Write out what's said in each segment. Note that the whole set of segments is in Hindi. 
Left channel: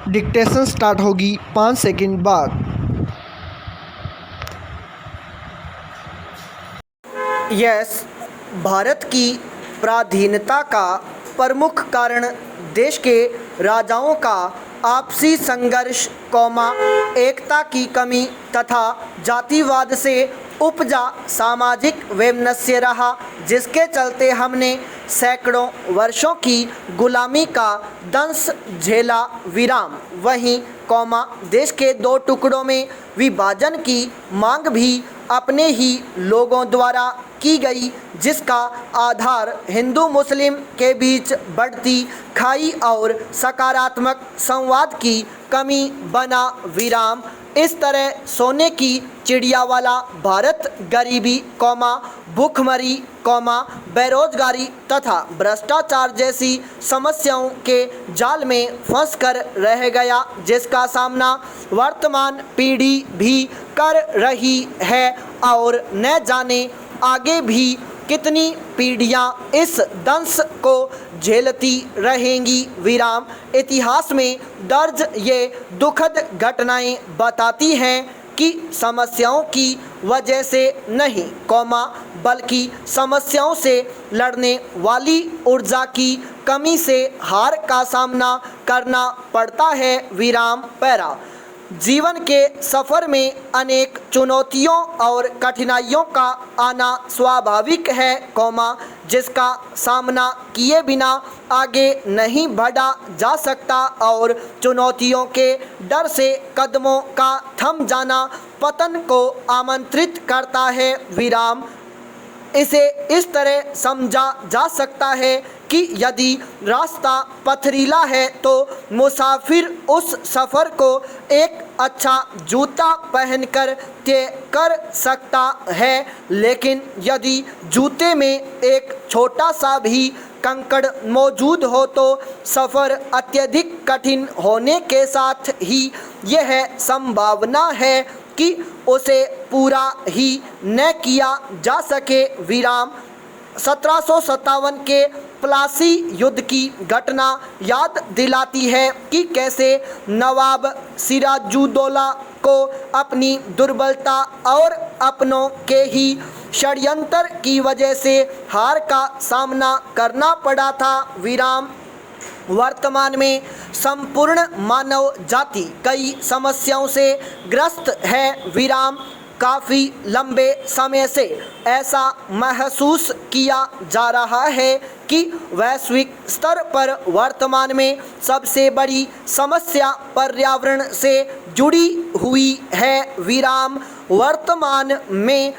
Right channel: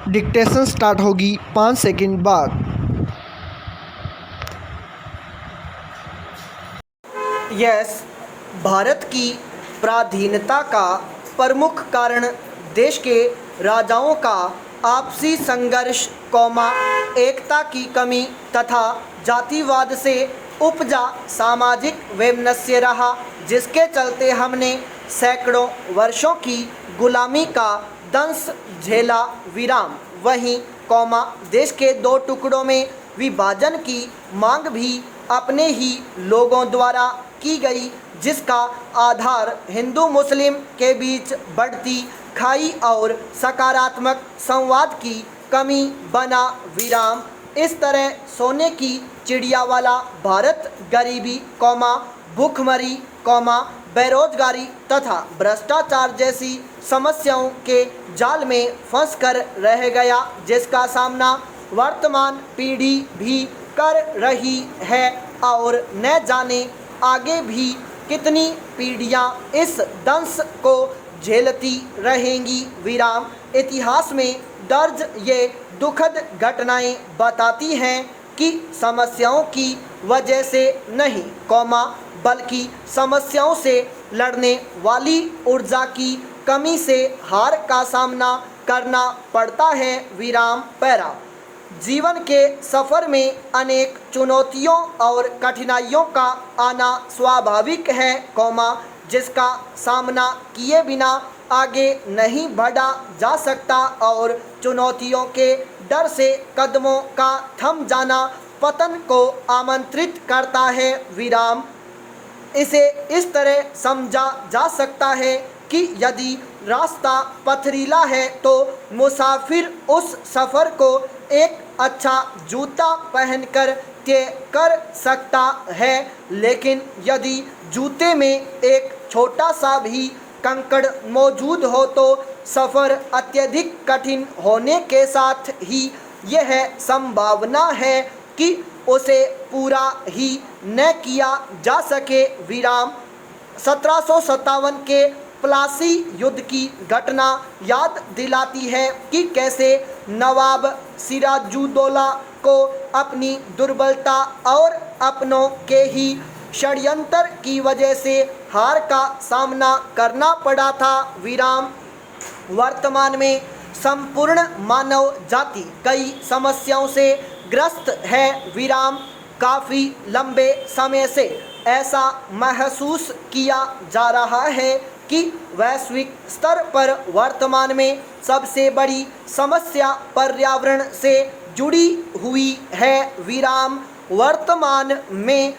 डिक्टेशन स्टार्ट होगी 5 सेकंड बाद। यस, भारत की पराधीनता का प्रमुख कारण देश के राजाओं का आपसी संघर्ष, एकता की कमी तथा जातिवाद से उपजा सामाजिक वैमनस्य रहा, जिसके चलते हमने सैकड़ों वर्षों की गुलामी का दंश झेला। वहीं देश के दो टुकड़ों में विभाजन की मांग भी अपने ही लोगों द्वारा की गई, जिसका आधार हिंदू मुस्लिम के बीच बढ़ती खाई और सकारात्मक संवाद की कमी बना। इस तरह सोने की चिड़िया वाला भारत गरीबी, भूखमरी, बेरोजगारी तथा भ्रष्टाचार जैसी समस्याओं के जाल में फंसकर रह गया, जिसका सामना वर्तमान पीढ़ी भी कर रही है और न जाने आगे भी कितनी पीढ़ियां इस दंश को झेलती रहेंगी। इतिहास में दर्ज ये दुखद घटनाएं बताती हैं कि समस्याओं की वजह से नहीं, बल्कि समस्याओं से लड़ने वाली ऊर्जा की कमी से हार का सामना करना पड़ता है। जीवन के सफ़र में अनेक चुनौतियों और कठिनाइयों का आना स्वाभाविक है, जिसका सामना किए बिना आगे नहीं बढ़ा जा सकता और चुनौतियों के डर से कदमों का थम जाना पतन को आमंत्रित करता है। इसे इस तरह समझा जा सकता है कि यदि रास्ता पथरीला है तो मुसाफिर उस सफ़र को एक अच्छा जूता पहनकर तय कर सकता है, लेकिन यदि जूते में एक छोटा सा भी कंकड़ मौजूद हो तो सफ़र अत्यधिक कठिन होने के साथ ही यह संभावना है कि उसे पूरा ही न किया जा सके। 1757 के प्लासी युद्ध की घटना याद दिलाती है कि कैसे नवाब सिराजुद्दौला को अपनी दुर्बलता और अपनों के ही षड्यंत्र की वजह से हार का सामना करना पड़ा था। वर्तमान में संपूर्ण मानव जाति कई समस्याओं से ग्रस्त है। काफ़ी लंबे समय से ऐसा महसूस किया जा रहा है कि वैश्विक स्तर पर वर्तमान में सबसे बड़ी समस्या पर्यावरण से जुड़ी हुई है। वर्तमान में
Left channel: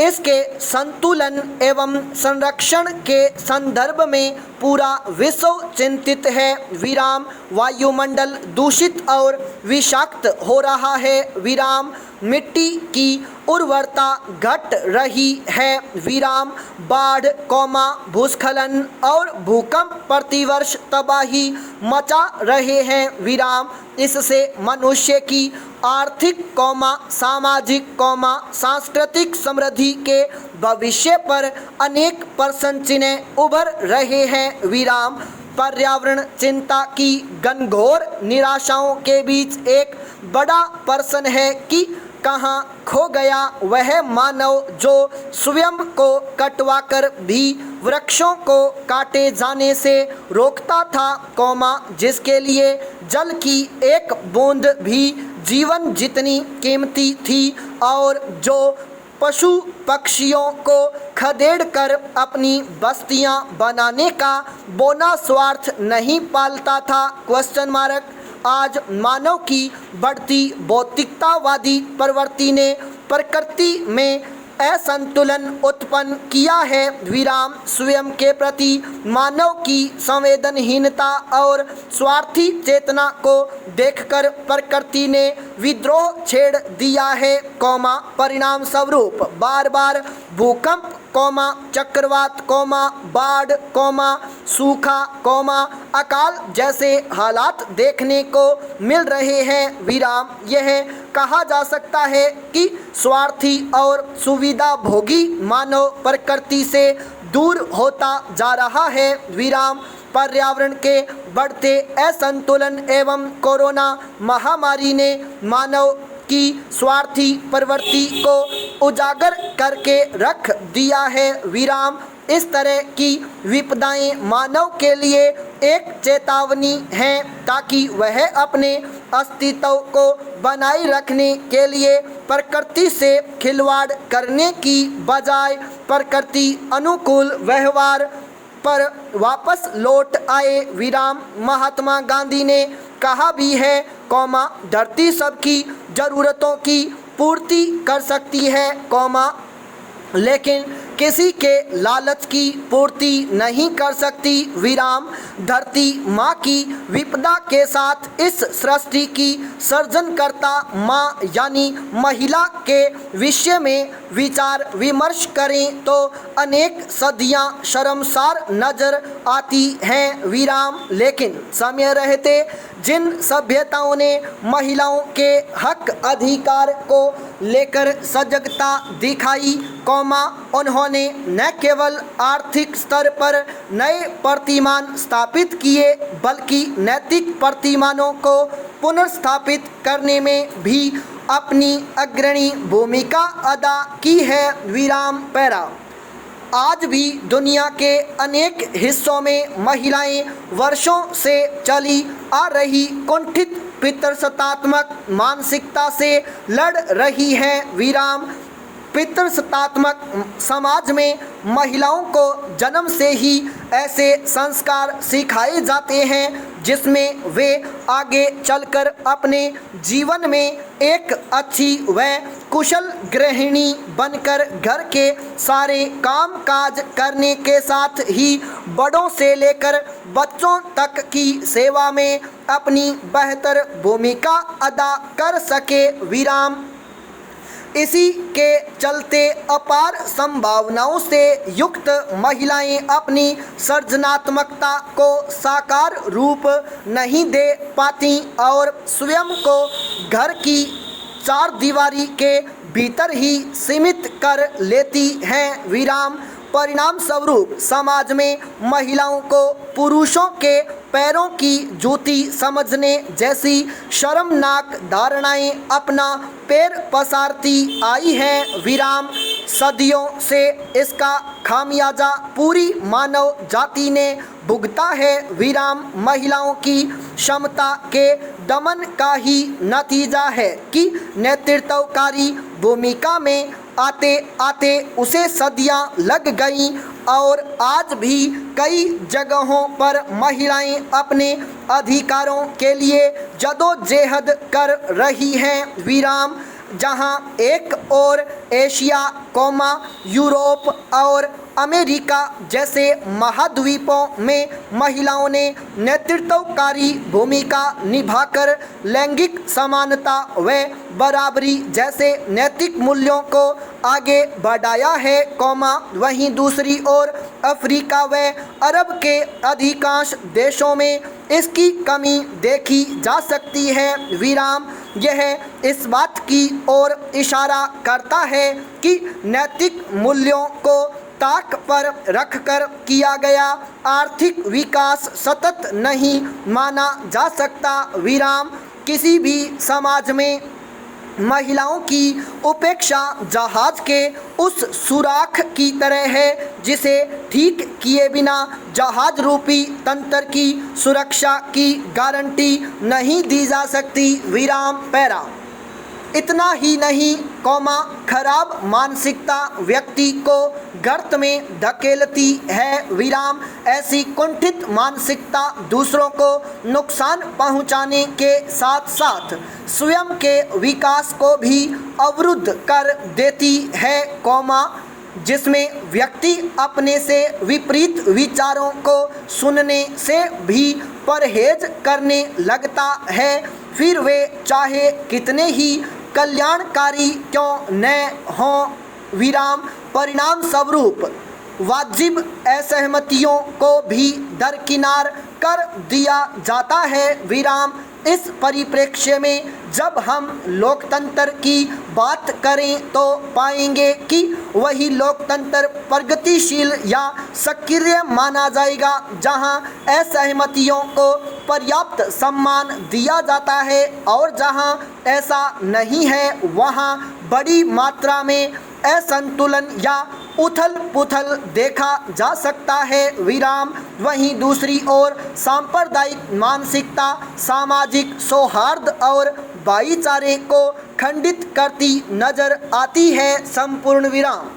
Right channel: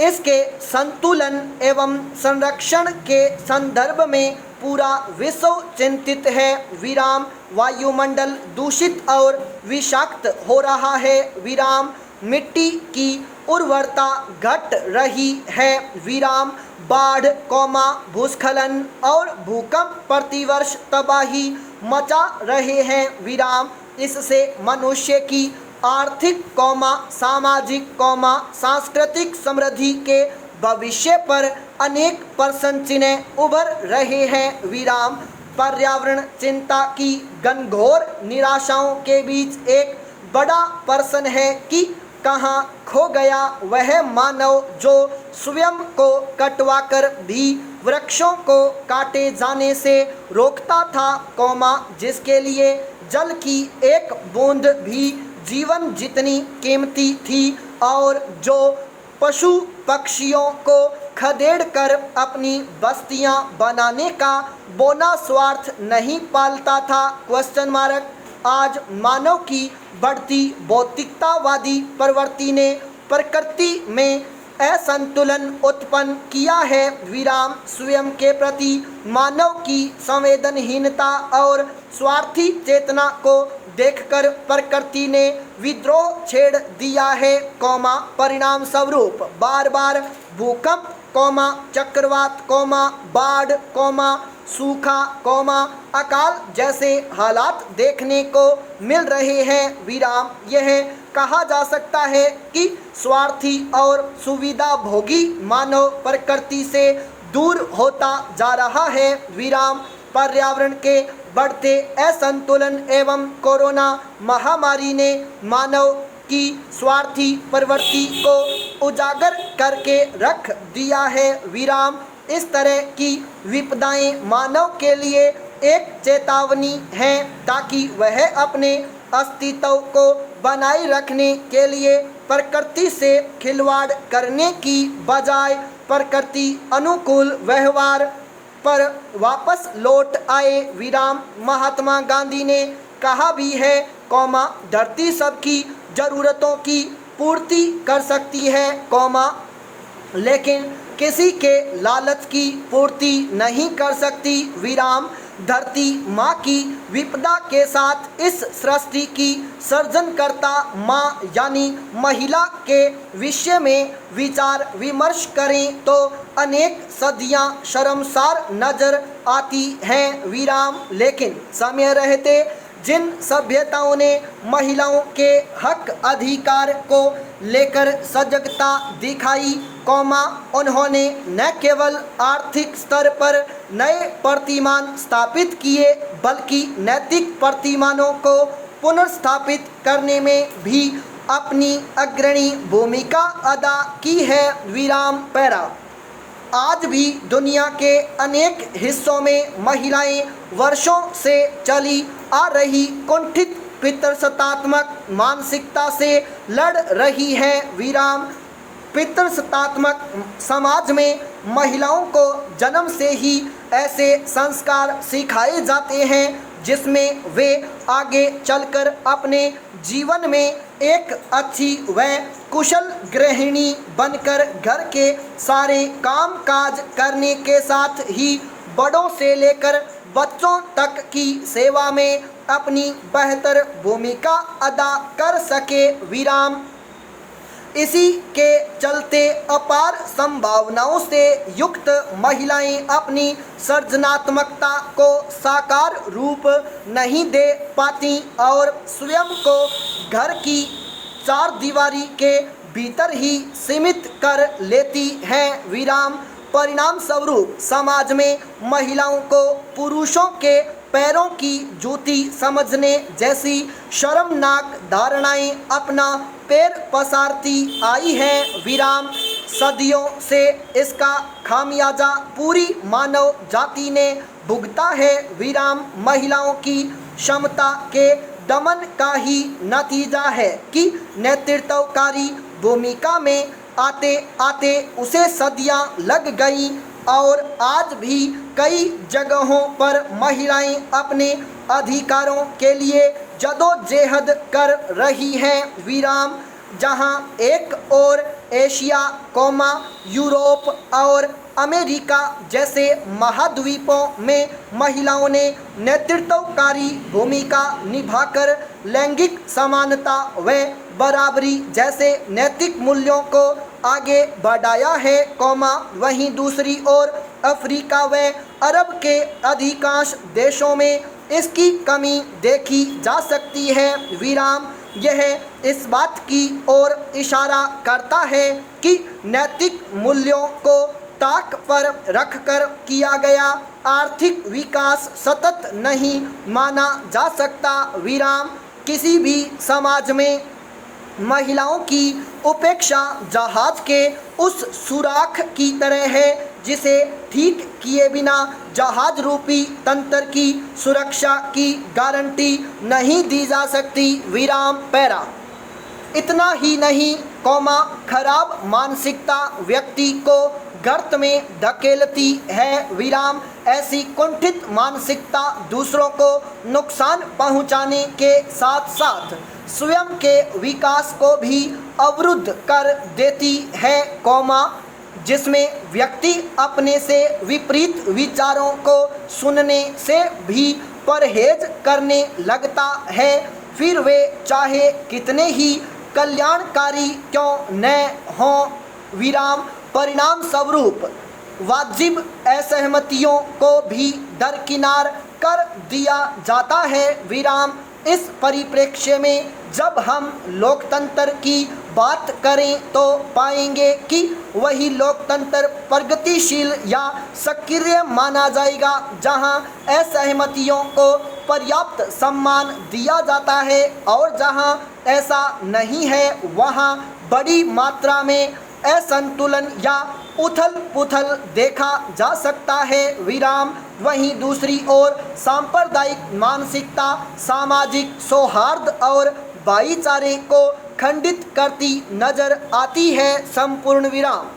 इसके संतुलन एवं संरक्षण के संदर्भ में पूरा विश्व चिंतित है। वायुमंडल दूषित और विषाक्त हो रहा है। मिट्टी की उर्वरता घट रही है। बाढ़, भूस्खलन और भूकंप प्रतिवर्ष तबाही मचा रहे हैं। इससे मनुष्य की आर्थिक, सामाजिक, सांस्कृतिक समृद्धि के भविष्य पर अनेक प्रश्न चिन्ह उभर रहे हैं। पर्यावरण चिंता की घनघोर निराशाओं के बीच एक बड़ा प्रश्न है कि कहाँ खो गया वह मानव जो स्वयं को कटवाकर भी वृक्षों को काटे जाने से रोकता था, जिसके लिए जल की एक बूंद भी जीवन जितनी कीमती थी और जो पशु पक्षियों को खदेड़ कर अपनी बस्तियां बनाने का बोना स्वार्थ नहीं पालता था। आज मानव की बढ़ती भौतिकतावादी प्रवृत्ति ने प्रकृति में असंतुलन उत्पन्न किया है। स्वयं के प्रति मानव की संवेदनहीनता और स्वार्थी चेतना को देखकर प्रकृति ने विद्रोह छेड़ दिया है। परिणाम स्वरूप बार बार भूकंप, चक्रवात, बाढ़, सूखा, अकाल जैसे हालात देखने को मिल रहे हैं। यह कहा जा सकता है कि स्वार्थी और सुविधा भोगी मानव प्रकृति से दूर होता जा रहा है। पर्यावरण के बढ़ते असंतुलन एवं कोरोना महामारी ने मानव की स्वार्थी प्रवृत्ति को उजागर करके रख दिया है। विराम इस तरह की विपदाएं मानव के लिए एक चेतावनी है ताकि वह अपने अस्तित्व को बनाए रखने के लिए प्रकृति से खिलवाड़ करने की बजाय प्रकृति अनुकूल व्यवहार पर वापस लौट आए। विराम महात्मा गांधी ने कहा भी है, धरती सबकी ज़रूरतों की पूर्ति कर सकती है, लेकिन किसी के लालच की पूर्ति नहीं कर सकती। विराम धरती माँ की विपदा के साथ इस सृष्टि की सृजनकर्ता माँ यानी महिला के विषय में विचार विमर्श करें तो अनेक सदियाँ शर्मसार नजर आती हैं। विराम लेकिन समय रहते जिन सभ्यताओं ने महिलाओं के हक अधिकार को लेकर सजगता दिखाई, उन्होंने न केवल आर्थिक स्तर पर नए प्रतिमान स्थापित किए बल्कि नैतिक प्रतिमानों को पुनर्स्थापित करने में भी अपनी अग्रणी भूमिका अदा की है। विराम पैरा आज भी दुनिया के अनेक हिस्सों में महिलाएं वर्षों से चली आ रही कुंठित पितृसत्तात्मक मानसिकता से लड़ रही हैं। विराम पितृसत्तात्मक समाज में महिलाओं को जन्म से ही ऐसे संस्कार सिखाए जाते हैं जिसमें वे आगे चलकर अपने जीवन में एक अच्छी व कुशल गृहिणी बनकर घर के सारे काम काज करने के साथ ही बड़ों से लेकर बच्चों तक की सेवा में अपनी बेहतर भूमिका अदा कर सके। विराम इसी के चलते अपार संभावनाओं से युक्त महिलाएं अपनी सृजनात्मकता को साकार रूप नहीं दे पाती और स्वयं को घर की चार दीवारी के भीतर ही सीमित कर लेती हैं। विराम परिणाम स्वरूप समाज में महिलाओं को पुरुषों के पैरों की जूती समझने जैसी शर्मनाक धारणाएं अपना पैर पसारती आई है। विराम सदियों से इसका खामियाजा पूरी मानव जाति ने भुगता है। विराम महिलाओं की क्षमता के दमन का ही नतीजा है कि नेतृत्वकारी भूमिका में आते आते उसे सदियां लग गई और आज भी कई जगहों पर महिलाएं अपने अधिकारों के लिए जदोजहद कर रही हैं। विराम जहां एक और एशिया, यूरोप और अमेरिका जैसे महाद्वीपों में महिलाओं ने नेतृत्वकारी भूमिका निभाकर लैंगिक समानता व बराबरी जैसे नैतिक मूल्यों को आगे बढ़ाया है, वहीं दूसरी ओर अफ्रीका व अरब के अधिकांश देशों में इसकी कमी देखी जा सकती है। विराम यह इस बात की ओर इशारा करता है कि नैतिक मूल्यों को ताक पर रखकर किया गया आर्थिक विकास सतत नहीं माना जा सकता। विराम किसी भी समाज में महिलाओं की उपेक्षा जहाज के उस सुराख की तरह है जिसे ठीक किए बिना जहाज रूपी तंत्र की सुरक्षा की गारंटी नहीं दी जा सकती। विराम पैरा इतना ही नहीं, खराब मानसिकता व्यक्ति को गर्त में धकेलती है। विराम ऐसी कुंठित मानसिकता दूसरों को नुकसान पहुंचाने के साथ साथ स्वयं के विकास को भी अवरुद्ध कर देती है, जिसमें व्यक्ति अपने से विपरीत विचारों को सुनने से भी परहेज करने लगता है, फिर वे चाहे कितने ही कल्याणकारी क्यों न हों। विराम परिणाम स्वरूप वाजिब असहमतियों को भी दरकिनार कर दिया जाता है। विराम इस परिप्रेक्ष्य में जब हम लोकतंत्र की बात करें तो पाएंगे कि वही लोकतंत्र प्रगतिशील या सक्रिय माना जाएगा जहां असहमतियों को पर्याप्त सम्मान दिया जाता है, और जहां ऐसा नहीं है वहां बड़ी मात्रा में असंतुलन या उथल पुथल देखा जा सकता है। विराम। वहीं दूसरी ओर सांप्रदायिक मानसिकता सामाजिक सौहार्द और भाईचारे को खंडित करती नजर आती है। संपूर्ण विराम।